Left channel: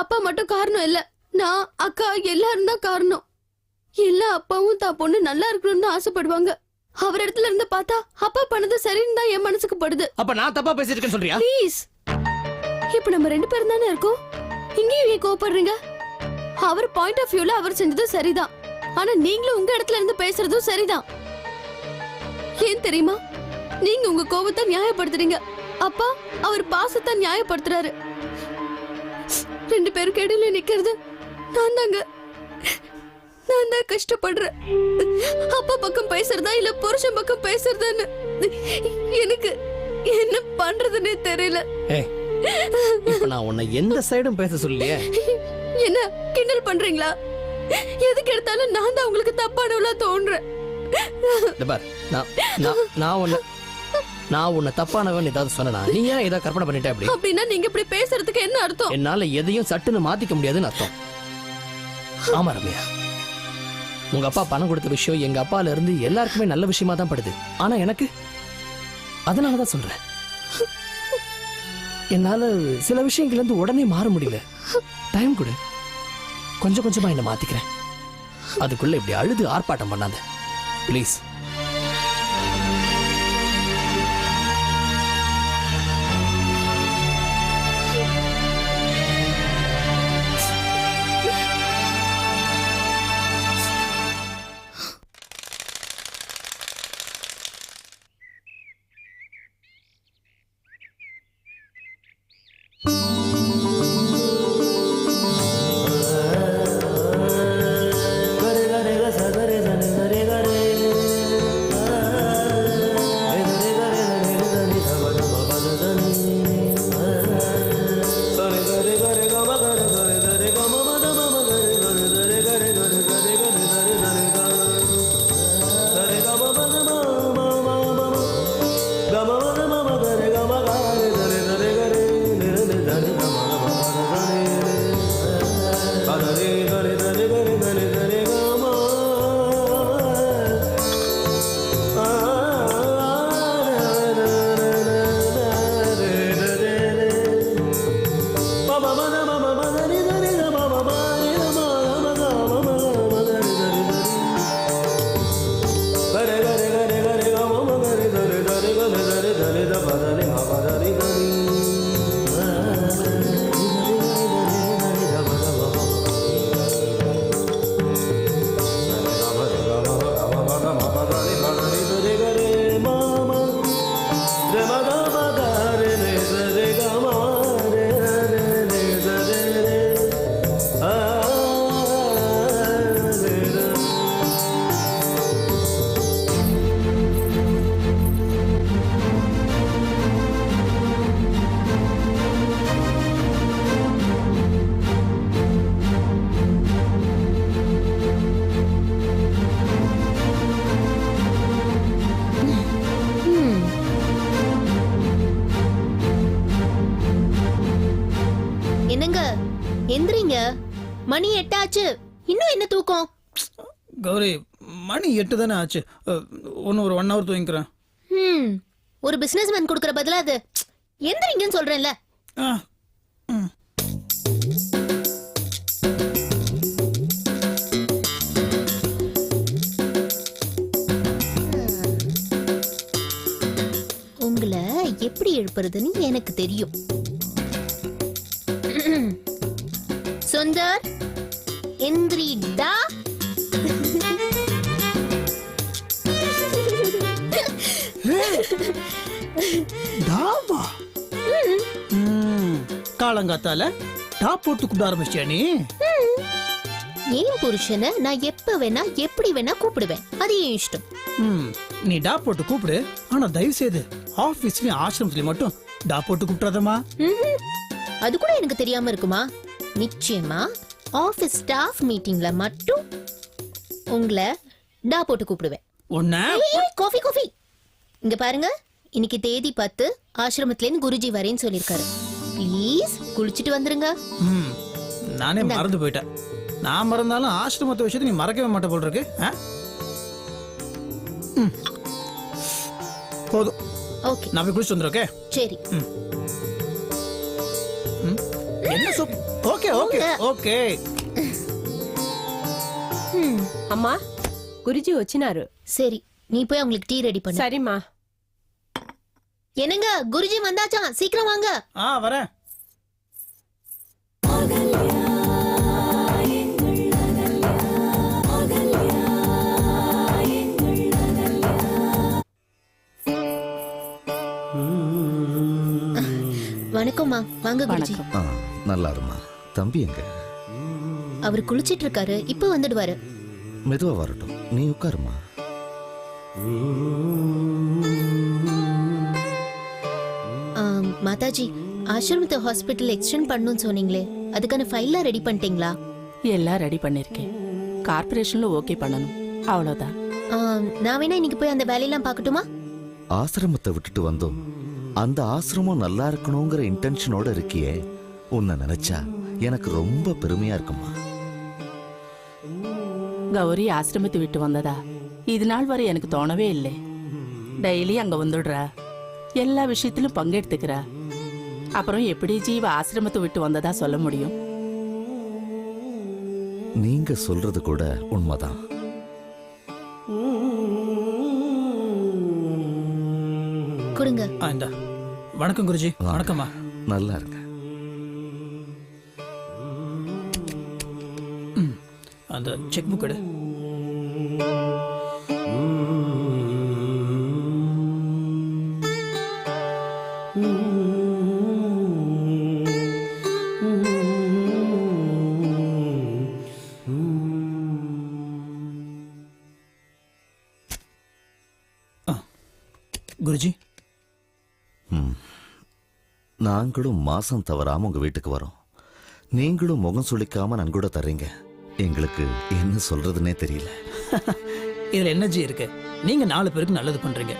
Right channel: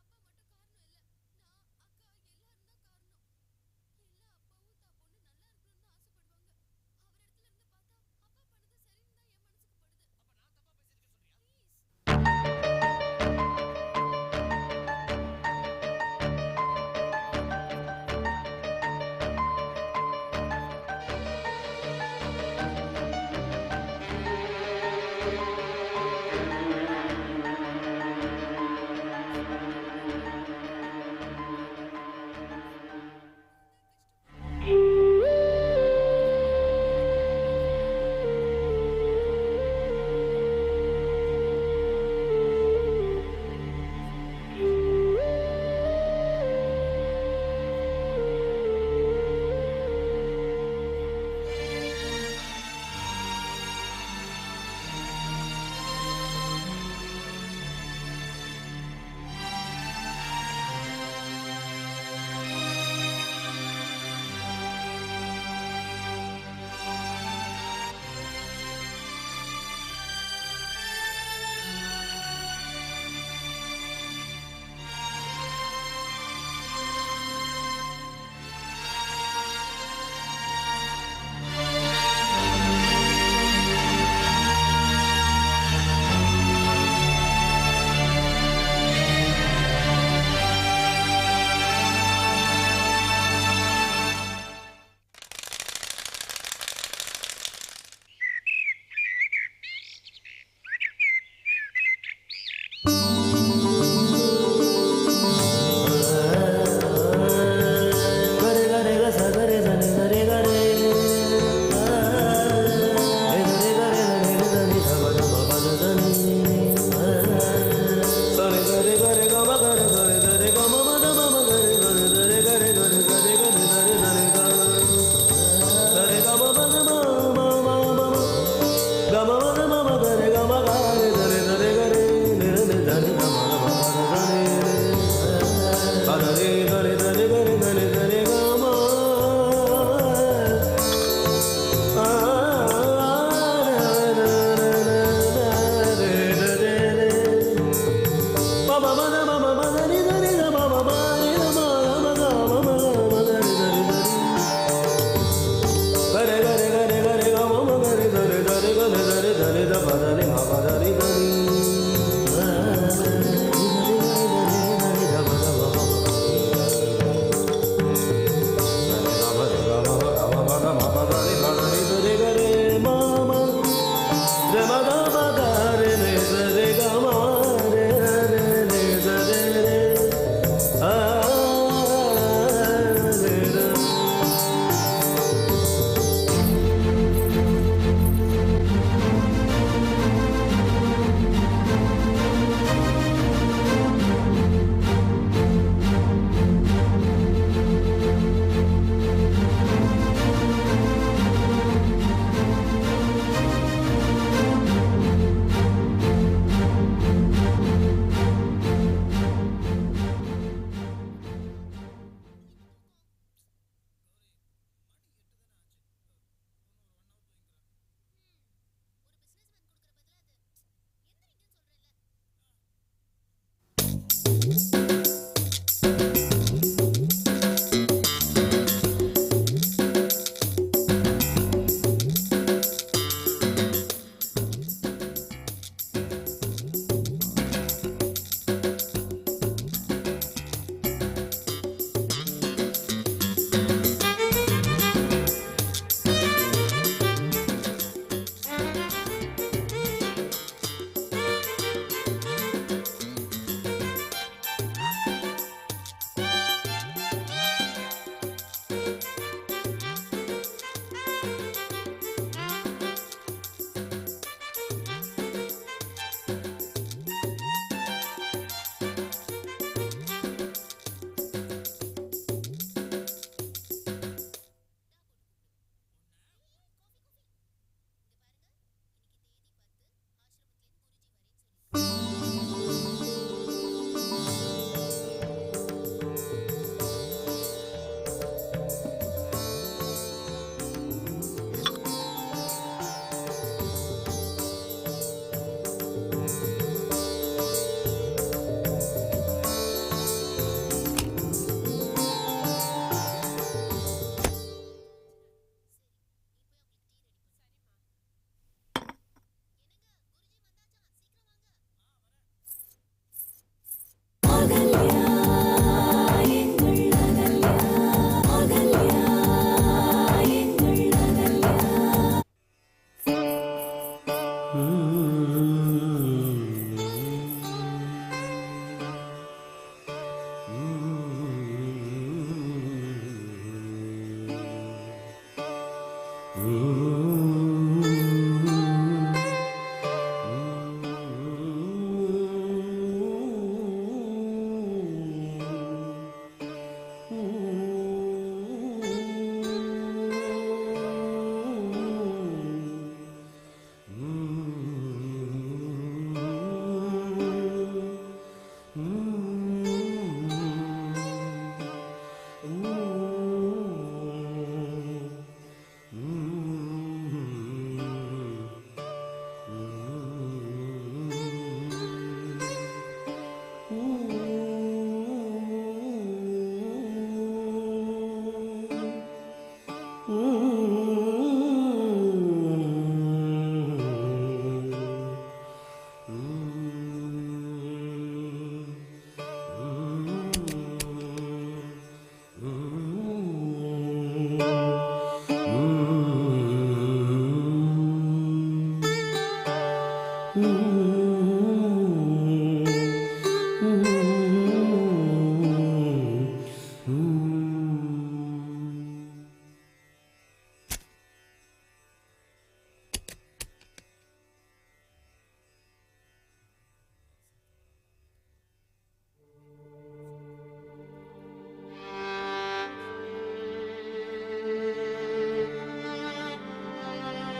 அப்பா மட்டும் காரணம் இல்ல, நான் அக்கா எல்லாரும் தான் காரணம். எல்லா அப்பாவும் தான் பொண்ணு நல்லா இருக்கணும்னு ஆசைப்படுவாங்க. அவர் இடத்துல இருந்து பார்த்தா அப்பா பண்ணது சரின்னு தான் என் மனசுக்கு படுது. அப்ப நான் தப்பா பேசிருக்கேன்னு சொல்றியா? ப்ளீஸ், இப்ப நம்ம 2 பேரும் தானே இருக்கோம், இங்கேயும் ஏன் கோபப்படுறீங்க? அவர் பாயிண்ட் ஆஃப் வியூல அவர் செஞ்சது சரிதான், ஆனா நீங்களும் உங்க இடத்துல இருந்து பேசுறதும் சரிதான். ஏன் தெரியுமா? நீங்க உங்க கோபத்தை நியாயப்படுத்துறீங்க, அப்பா அவர் பாசத்தை நியாயப்படுத்துறாரு. 2 பேருக்கு இடையில நிக்கிறது நான் தாங்க. நான் தான் கஷ்டப்படுறேன். அப்பா பக்கம் பேசுறதா இல்ல புருஷன் பக்கம் பேசுறதான்னு எனக்கு என்ன பண்றதுன்னே தெரியல. இப்ப நான் உன்னை எந்த சைடும் பேச சொல்லியே. என்ன கிண்டல் பண்றீங்களா? எதுக்கு எடுத்தாலும் நான் தான் உங்களுக்கு தப்பானவளா தோன்றேன். நான் உன்னை தப்பானவன் ஏதாவது சொன்னா நீ ஏன் ஏதாவது கற்பனை பண்ணிட்ட? அப்படி அப்படின்னா நீங்க இப்படி பேசுறதுக்கு என்ன அர்த்தம்? என்னால எதையும் சட்டுன்னு மாத்திக்க முடியாதுன்னு அர்த்தம். ஆமா ரம்யா, உங்க அப்பா பணம் கொடுத்த விஷயம் எங்க அப்பால இருந்து எல்லாருக்குமே நல்ல விஷயமா தான் படுது. ஆனா எனக்கு அதனாலதான் சொல்றேன், என்னால சில விஷயங்கள்ல இருந்து உடனே மாற முடியல. டைம் கொடு, கொஞ்சம் கொஞ்சமா என்ன மாத்திக்கிறேன். அதுக்குள்ள இப்படி அழுது ஆர்ப்பாட்டம் பண்ணாத ப்ளீஸ். மணி 8 ஆச்சு, இன்னும் என்ன தூக்கம்? கௌரி, மணி 8 தானே ஆச்சு. ஒரு 1 hour தூங்கிக்கிறேன். ஒரு பிசினஸ் மேன் கொடுக்கற பதிலா அது எந்திரிங்கன்னு சொல்றேன்ல. உங்களை எப்படி எழுப்புறதுன்னு எனக்கு தெரியும். சுந்தர், எந்திரிடா. காலங்காத்தால டாப் போட்டு கூப்பிட ஆரம்பிச்சியா நீ? என் புருஷனை நான் எப்ப வேணா எப்படி வேணா கூப்பிடுவேன், அது என் இஷ்டம். நீ டாப் போட்டு கூப்பிடு, ஆனா தயவு செய்து ஆபீஸ்லயும் ஆசிரமத்திலயும் மட்டும் டாப் போட்டு கூப்பிடாதமா. அது கூட எனக்கு தெரியாம இருக்குமா? நிச்சயமா ஆபீஸ் ஸ்டாஃப் மீட்டிங்ல மட்டும் உங்களை டா போட்டு கூப்பிடுவேன். காஃபி காஃபி இங்க பாருங்க, இன்னைக்கு தேதி 10, ஆசிரமத்திலேருந்து குருஜி வரேன்னு சொல்லிருக்காரு. ப்ளீஸ் குளிச்சிட்டு வந்துருங்க. நானே மறந்து போயிட்டேன். நான் மறந்தாலும் ஆசிரமத்தை விஷயத்தை நீ மறக்கவே மாட்டே போல் இருக்கு. போதும், ஓகே, நான் போய் குளிச்சு வந்துடுறேன். சரி. என்ன சூப்? Okay okay. ఓకే. అమ్మా గురుజీ వచ్చినారు. சரி நீ போய் அவங்களுக்கு டீ ரெடி பண்ணு. சரிம்மா. என்னங்க குருஜி வந்தாச்சாம், சீக்கிரம் வாங்க. வரேன். வணக்கம்மா, வாங்க குருஜி. நல்லா இருமா. தம்பி எங்க? அவர் குளிச்சிட்டு இருக்காரு, இப்ப வந்துடுவாரு. மெதுவா வரட்டும், நீ உட்காருமா. மாதாஜி, ஆசிரமத்தை ஹாஸ்பிட்டல் எக்ஸ்டெண்ட் பண்ணணும்னு சொன்னீங்களே, அதுக்கான ஃபைல்லாம் ரெடி பண்ணிட்டீங்களா? எல்லாம் ரெடி பண்ணிருக்கேன். கார்ப்பரேஷன்ல ஓகே பண்ணணும், அவ்வளவுதான். நான் வேணா இன்னைக்கு போய் அந்த வேலையெல்லாம் பார்க்கட்டுமா? ஆசிரமத்தை விட்டுட்டு வந்தோம், அந்த ஆசிரமம் நல்லா இருக்கணுங்கிற இன்டென்ஷனோட இருக்கியே, உன்னை நினைச்சா எனக்கு ரொம்ப பெருமையா இருக்குமா. கௌரி ஆசிரமத்தை விட்டு வந்ததா இது நாள் வரை எனக்கு தோணவே இல்லை. டெய்லி அங்க வந்துடுறா, எல்லா விஷயத்திலும் பங்கெடுத்துக்கிறா. அப்புறம் எப்படி ஜீவ ஆசிரமத்தை விட்டு வந்ததா சொல்ல முடியும்? நீங்க சொல்றது கூட உண்மைதான். கொடுங்க. வணக்கம் குருஜி. வணக்கம்மா. நல்லா இருங்க. அந்த செக் புக் எடு. குருஜி, நாங்களும் மாசம் தவறாம உங்க வீட்டுக்கு வரோம். நீங்களும் முகம் சுளிக்காம நன்கூட தர்றீங்க. எங்களுக்கு என்ன சொல்றதுன்னே தெரியல. இதுல எனர்ஜி இருக்கு. நீங்க 4 பேருக்கு நல்லது பண்றீங்க.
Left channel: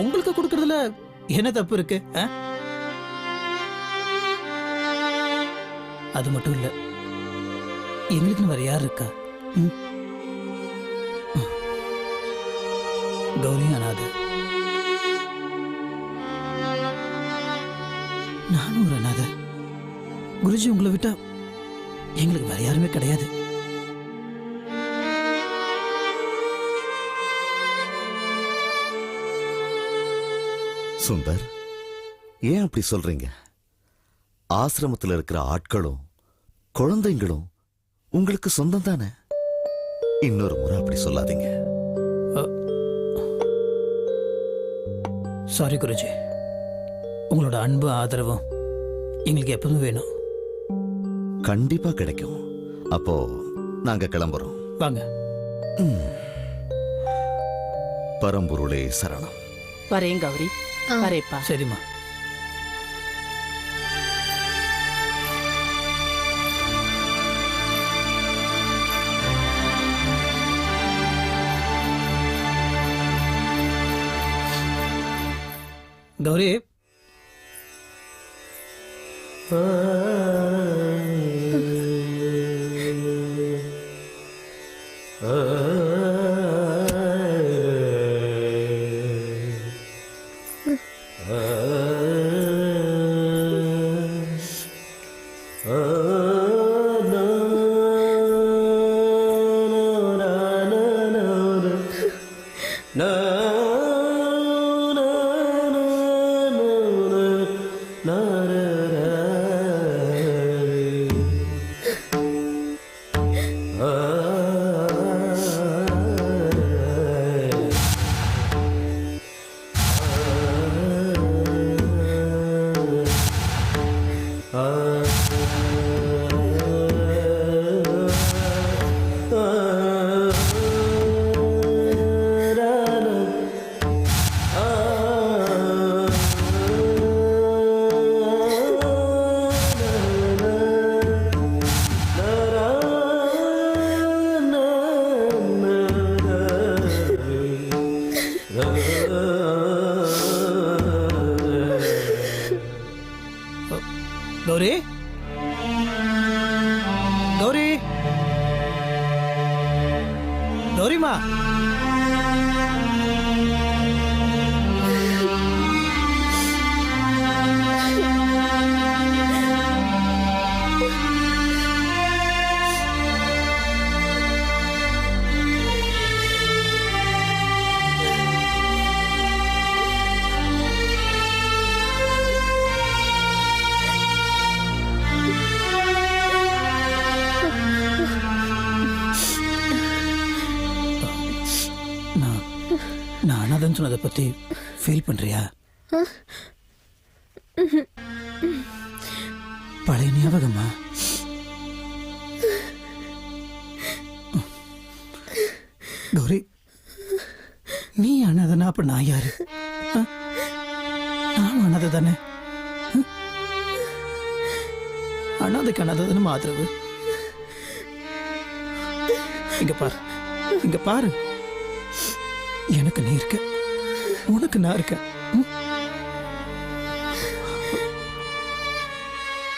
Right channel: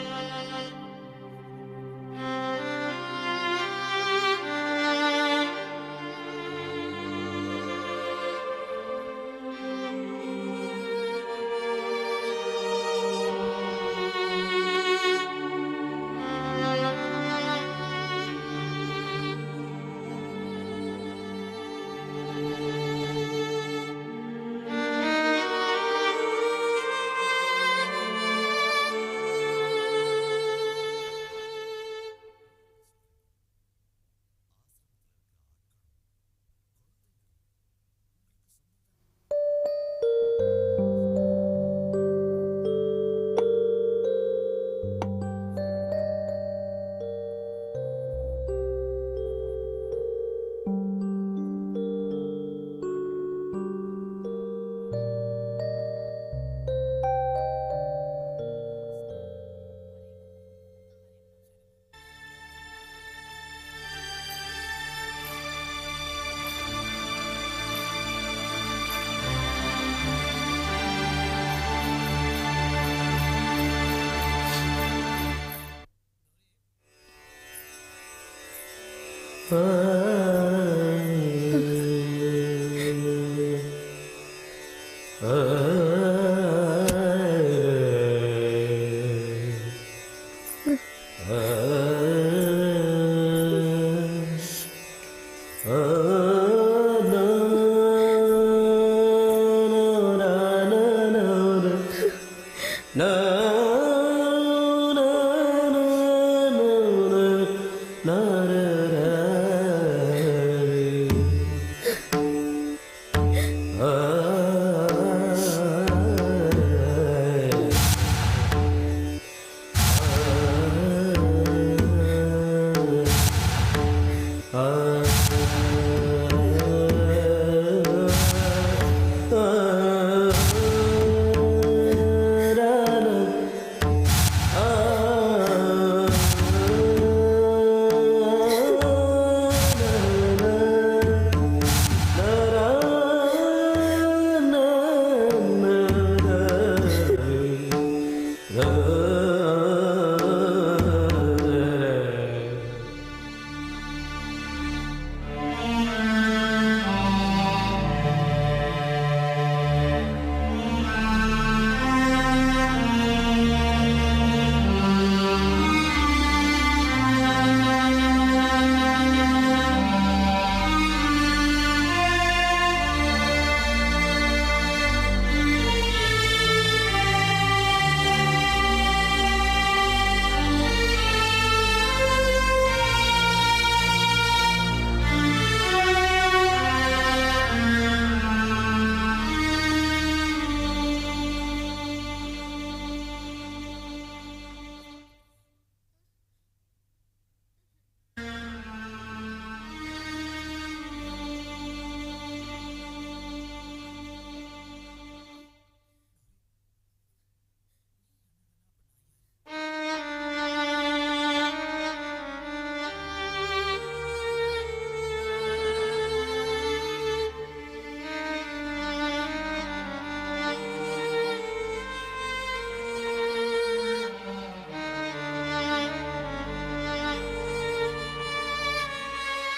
உங்களுக்கு கொடுக்கறதுல என்ன தப்பு இருக்கு? அது மட்டும் இல்ல, எங்களுக்கு வேற யார் இருக்கா? கௌரி அனாதை, நானும் ஒரு அனாதை. குருஜி உங்களை விட்டா எங்களுக்கு வேற யாருமே கிடையாது. சுந்தர், ஏன் அப்படி சொல்றீங்க? ஆசிரமத்தில் இருக்கிற ஆட்களும் குழந்தைங்களும் உங்களுக்கு சொந்தம் தானே. இன்னொரு முறை அப்படி சொல்லாதீங்க. சாரி குருஜி, உங்களோட அன்பு ஆதரவும் எங்களுக்கு எப்பவும் வேணும். கண்டிப்பா கிடைக்கும். அப்போ நாங்க கிளம்புறோம். வாங்க. பரம்பொருளே சரணம். வரேன் கௌரி, வரேப்பா. சரிம்மா. கௌரி, மதன் சொன்னதை பத்தி ஃபீல் பண்றியா? பழைய ஞாபகமா? கௌரி, நீ அனாதனா அப்ப நான் யாரு? நான் அனாதை தானே. அனாதைக்கு அனாதைன்னு ஆதரவு. இங்க பாரு, இங்க பாரு. எனக்கு நீ இருக்க, உனக்கு நான் இருக்க.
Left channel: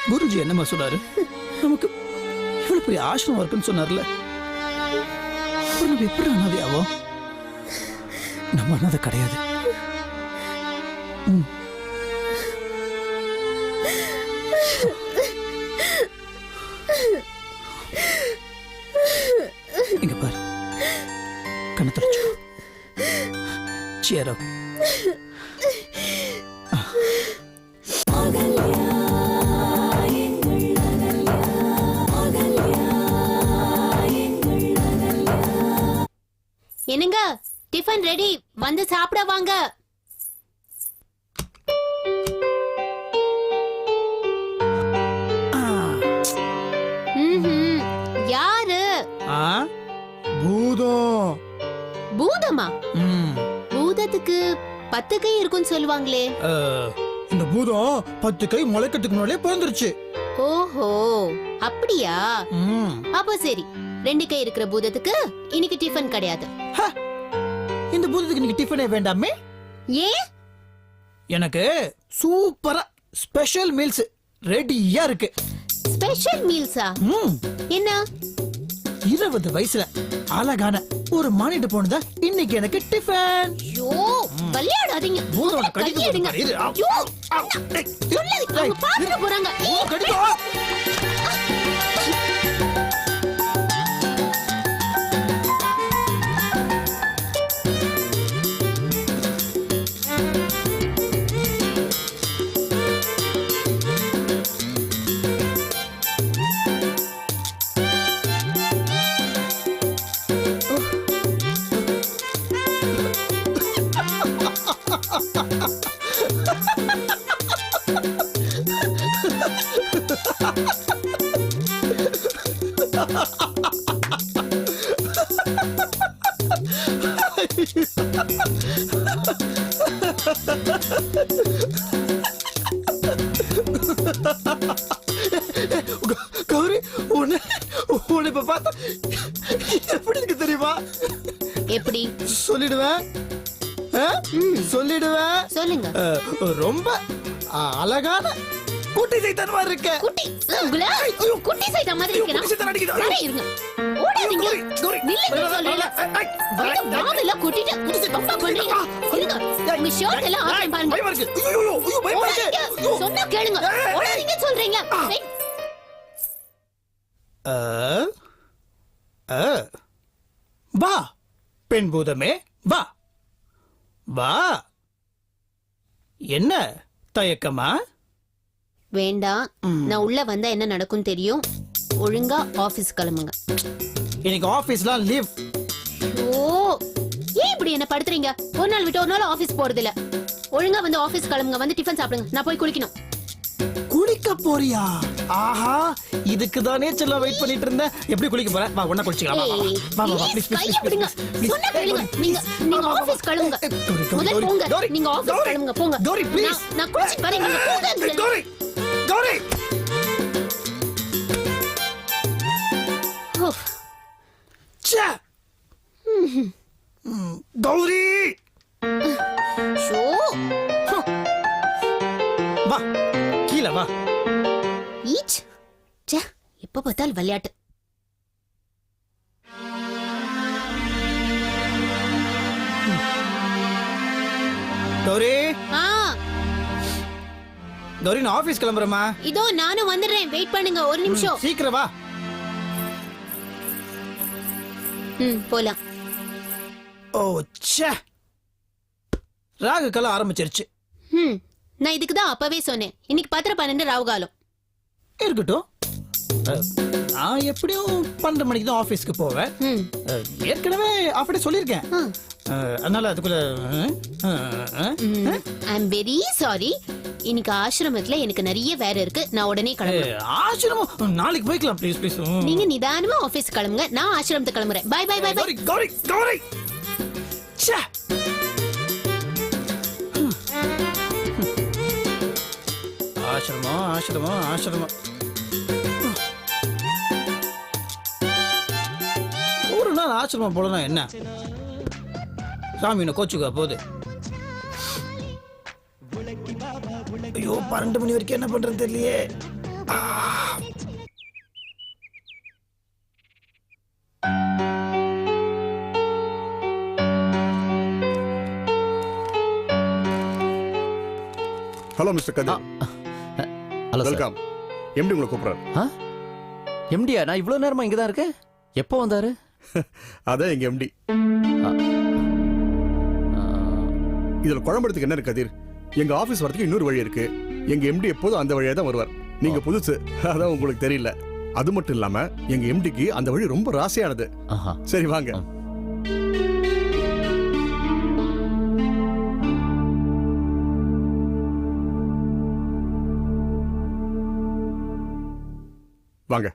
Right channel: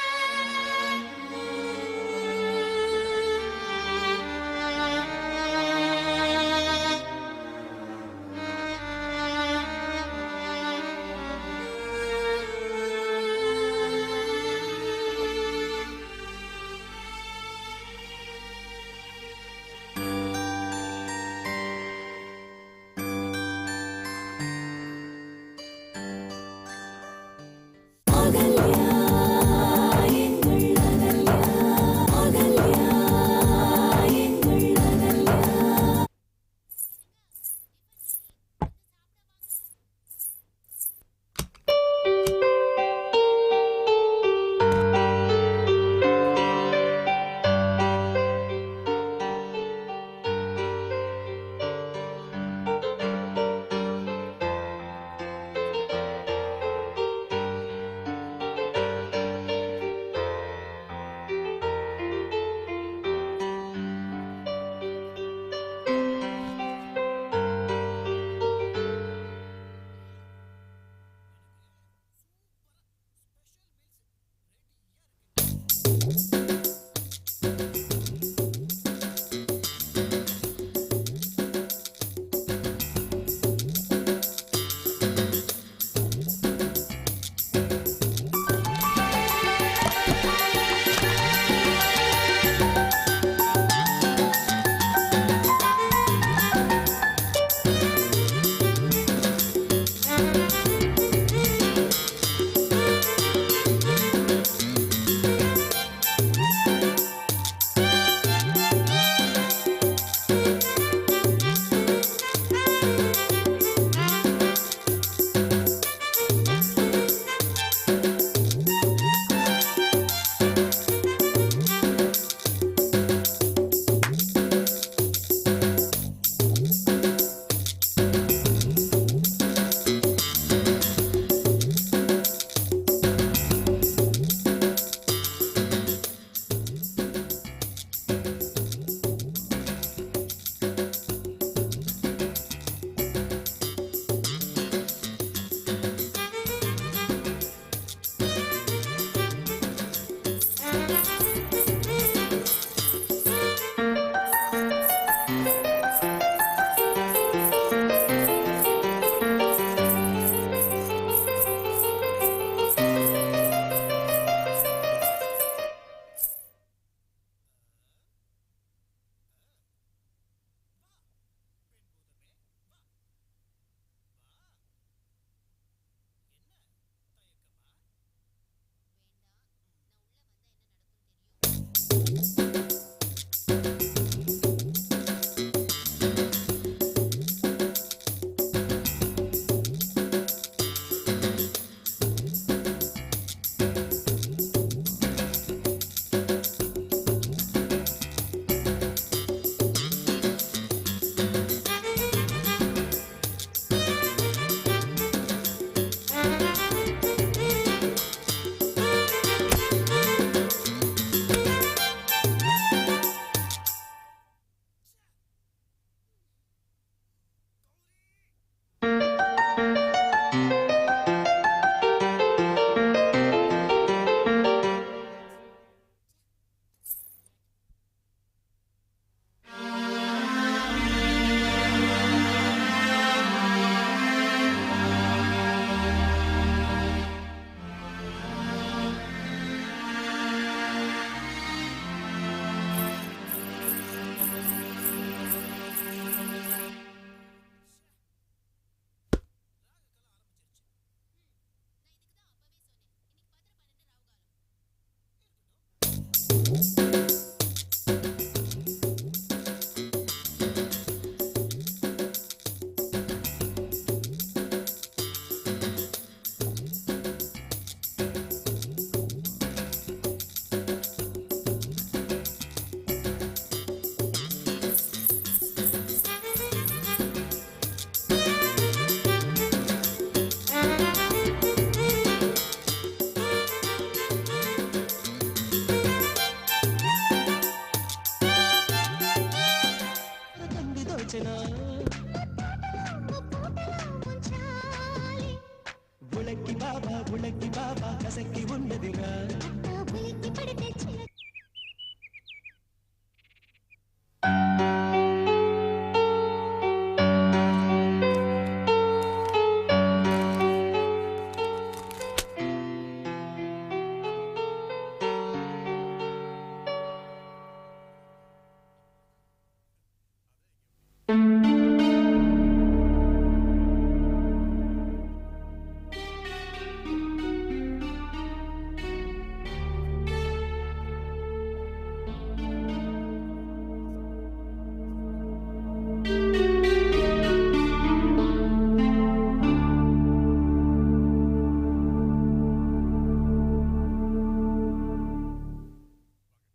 குருஜி என்னமா சொன்னாரு? நமக்கு இவ்வளவு பெரிய ஆசிரமம் இருக்குன்னு சொன்னார்ல. நமக்கு எப்படி அனாதையாகும்? நம்ம அனாதை கிடையாது. இங்க பாரு, கண்ணை தொடச்சுக்கோ. Cheer up. என்னங்க, டிஃபன் ரெடி, வந்து சாப்பிட வாங்க. யாரு? பூதம். பூதமா? பூதத்துக்கு 10 கை இருக்குன்னு சொல்லுவாங்களே. இந்த பூதம் 10 கை முளைக்கிறதுக்கு முன்னாலே பிறந்துருச்சு. ஓஹோ, அப்படியா? அப்ப சரி, 2 கை இருக்கிற பூதத்துக்கு இன்னைக்கு டிஃபன் கிடையாது. இந்த பூதத்துக்கு இன்னைக்கு டிஃபனே வேண்டாமே. ஏன்? எனக்கு சூப்பரா ஸ்பெஷல் மீல்ஸ் ரெடியா இருக்கு. ஸ்பெஷல் மீல்ஸா? என்ன? 20 வயசுல அழகான ஒரு மானிட்டு போனதா இன்னைக்கு எனக்கு டிஃபன். ஐயோ, விளையாடாதீங்க. பூதம் கையெடுங்க. ஐயோ, சொல்லுங்க, அவங்க பார்க்க போறாங்க. கௌரி, உன்னை இப்ப பார்த்தா எப்படி இருக்கு தெரியுமா? எப்படி? சொல்லிடுவேன், சொல்லிடுவேன். சொல்லுங்க. ரொம்ப அழகான குட்டி சைத்தன்மா இருக்க. குட்டி குட்டி சைத்த மாதிரி இருக்கணும். சரி, இருங்க. ஓடாதீங்க. நில்லுங்க, சொல்லல. காதல கூட்டிட்டு பர்ஃபார்ம் பண்ணீங்க. சொல்லுங்க. நீ ஷோர் எல்லாம் ஆன் பண்ணு. ஓடாதீங்க. சொன்னா கேளுங்க. ஓடாதீங்க சொல்றீங்க. வா பெண் பூதமே, வா வா. என்ன தயக்கமா? வேண்டாம். நான் உள்ள வந்தா என்ன நடக்கும் தெரியும். ஒழுங்கா ஆபீஸ் கிளம்புங்க. இன்னைக்கு ஆபீஸ்லாம் லீவ். ஓ, ஏன் இப்படி என்ன படுத்துறீங்க? ஒரு நாள் விட்டு ஒரு நாள் ஆபீஸ் போறது இல்ல. ஒழுங்கா வந்து ஆபீஸ் கிளம்புங்க. வந்து டிஃபன் சாப்பிடுங்க. நான் போய் குளிக்கணும். குளிக்க போறியா? ஆஹா, இதுக்கு தானே செல்ல வெயிட் பண்ணிட்டு இருந்தேன். எப்படி குளிக்க போற? வா, ஒண்ணா குளிச்சுக்கலாம். வா வா வா, ப்ளீஸ் கையை விடுங்க. சொன்னா கேளுங்க. நீங்க ஆபீஸ் கிளம்புங்க. முதல்ல போங்க. நீங்க ஆபீஸ் கிளம்புங்க, போங்க. நான் குளிச்சிட்டு வரேன். போங்க. கௌரி, கௌரி. ச்சே. கௌரி. ஷோ. வா, கீழ வா. ஈச். ச்சே, எப்ப பார்த்தாலும் விளையாட்டு. கௌரி, ஆ, கௌரி, நான் ஆபீஸ் கிளம்புறேமா. இதோ நானும் வந்துடுறேன். வெயிட் பண்ணுங்க ஒரு நிமிஷம். சீக்கிரம் வா. போலாம். ஓ ச்சே, ராகு காலம் ஆரம்பிச்சிருச்சு. நான் இதுக்கு தான் அப்பவே சொன்னேன். இன்னைக்கு 10:12 ராவுகாலம். இருக்கட்டும். நான் எப்படியும் 12 மணிக்கு தான் ஆபீஸ்க்கு போவேன். ஏற்கனவே அப்படி சொல்லியிருக்கேன். அதனால அதுக்குள்ள ஐ அம் வெரி சாரி. இன்னைக்கு ஆசிரமத்துல எனக்கு நிறைய வேலை இருக்கு. நான் உடனே கிளம்புறேன். ஆசிரமம் நாளைக்கு போய்க்கலாம் ப்ளீஸ் ப்ளீஸ். நீங்க நிதானமா ஆபீஸ் கிளம்புங்க. நான் ஆசிரமத்துக்கு கிளம்புறேன். Bye bye bye bye. Gauri Gauri Gauri ச்சே. ஆசிரமம் ஆசிரமம் ஆசிரமம். ஒரு நாள் ஆசிரமம் போலனா என்ன சாமி கோச்சுக்கா போகுது. ஐயோ 12 மணி வரைக்கும் என்ன பண்றது தெரியலையே. Hello mister Kathir. Hello welcome. MD உங்களை கூப்பிடுறாரு. எம்டியா? நான் இவ்வளோ நேரமா இங்கே தான் இருக்கேன். எப்போ வந்தாரு? அதான் எங்க எம்டி. இதுல குழம்புறதுக்கு என்ன இருக்கு கதிர்? எங்க ஆபீஸ் வரதுக்கு இன்னொரு வழி இருக்கு. எங்க எம்டி எப்போதும் அந்த வழியா தான் வருவார். நீங்க புதுசு, அதான் உங்களுக்கு தெரியல. அது மட்டும் இல்லாம எங்க எம்டிக்கு அந்த வழி ரொம்ப ராசியானது. சரி வாங்க. வாங்க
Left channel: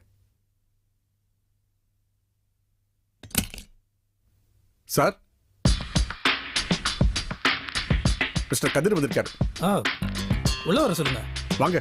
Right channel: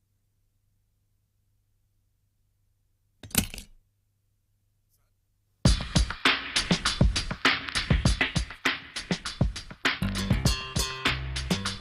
சார். மிஸ்டர் கதிர் வந்திருக்காரு. உள்ள வர சொல்லுங்க. வாங்க.